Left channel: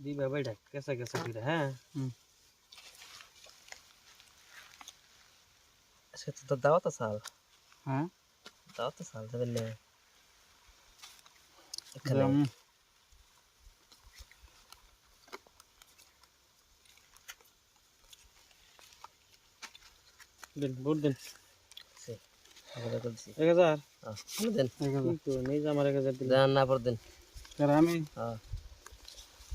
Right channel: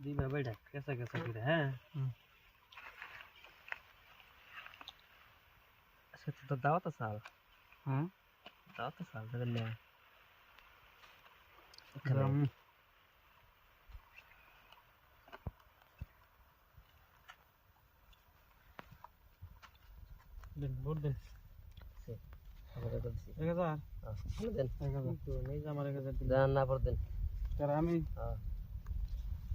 दी बाबा ढक कैसा कैसा पी रहा है अच्छा तो दावा तो साल। हाँ? दावा तो साल दे ले गरम दिन बोल दिन। से हमारे तो से। 1000 हाँ दिन। तो नहीं जा हमारे का दिन। ना पर दिन रामी हाँ।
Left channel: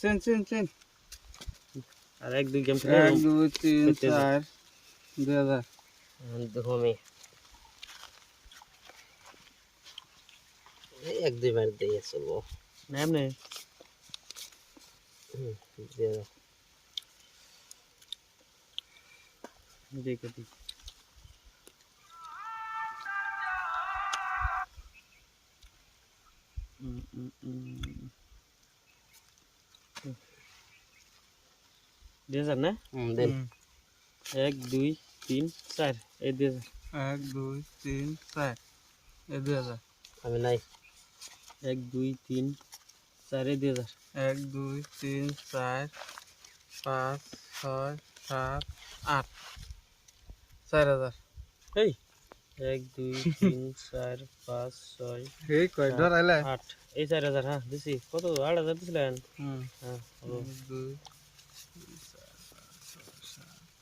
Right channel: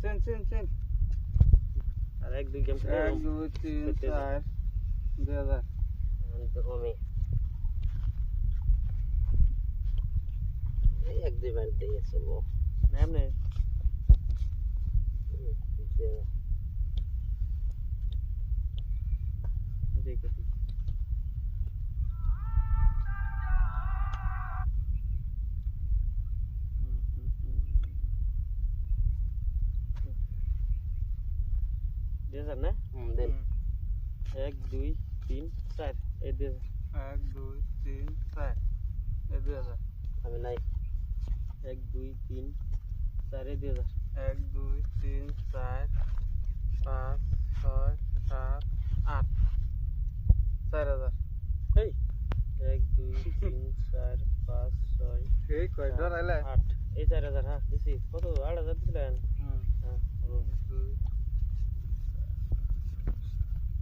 চেন চেন চেন আর এক দুই গেম এক দুই তিন দেখতে যাও। চার দুই হাজার দেখো আমি এই এক দুই বার দিয়ে চলবো এমনি দিয়ে দেখে দিই হুম, হুম। না হুম, দেন। এক দুই তিন চার এই দুই হাজার এক দুই তিন চার এই দুই হাজার আমি নাই। এক দুই তিন চার এই দুই হাজার এক দুই তিন চার পাঁচ ছয় সাত আট চার হাজার। এই এক দুই তিন চার পাঁচ ছয় এই কয় ডরাইলে আট এই চার হাজার হ্যাঁ দিছি। কত আট হাজার দিছিলেন? হুম। হ্যাঁ দুই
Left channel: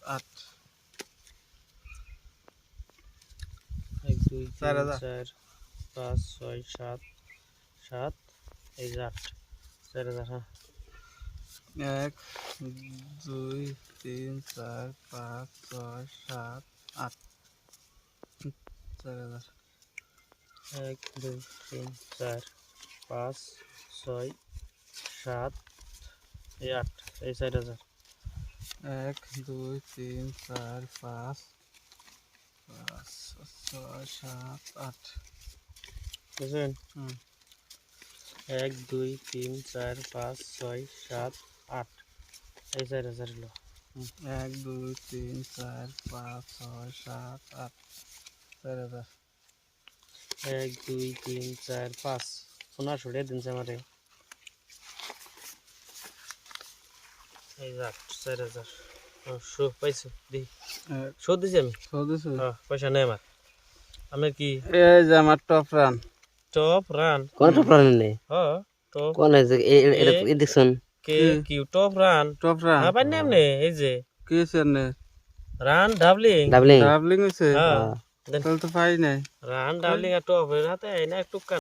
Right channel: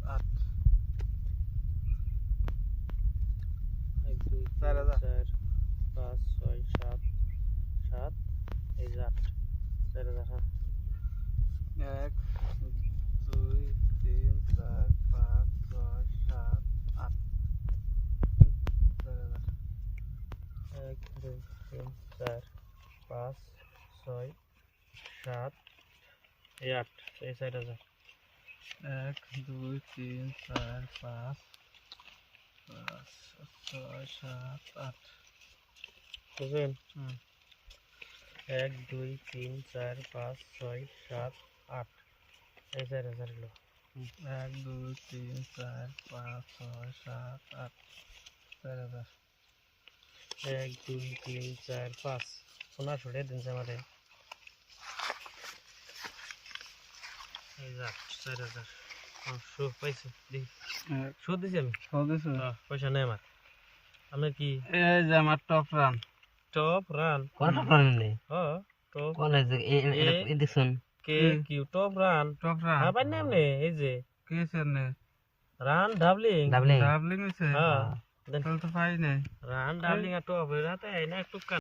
আট এক দুই চার হাজার। চার পাঁচ ছয় সাত সাত এই যে আট। চার হাজার হ্যাঁ। এক দুই তিন চার পাঁচ ছয় সাত আট। চার হাজার। এক দুই তিন চার পাঁচ ছয় সাত এই আট এই চার হাজার। এক দুই তিন চার পাঁচ সাত আট বুঝলেন হুম এক দুই তিন চার পাঁচ ছয় সাত আট এই চার হাজার হলো এক দুই তিন চার পাঁচ ছয় সাত আট চার হাজার এক দুই তিন চার পাঁচ পনেরোশো টাকা দিনছে আমারে এই যে আট চার হাজার ও শো পাইছে দি এক শো দিছি আমি সদস্য ও, পয়সা নেই আমার আপনার কি এই যে আমার টপ রান টপ রান কোনটা প্রাণ নেই হ টপ কোন আছে এটা দেখুন কে কি টপ রান টপ রান হ্যাঁ পাইনি এমনি এই যে কি হয়েছে নে রান ডাবলিং ডাবলিং ডাবলিং হয়েছে হ্যাঁ তাহলে তো পাই নাই রান ডাবলিং আর টপ এর হাতে না একটু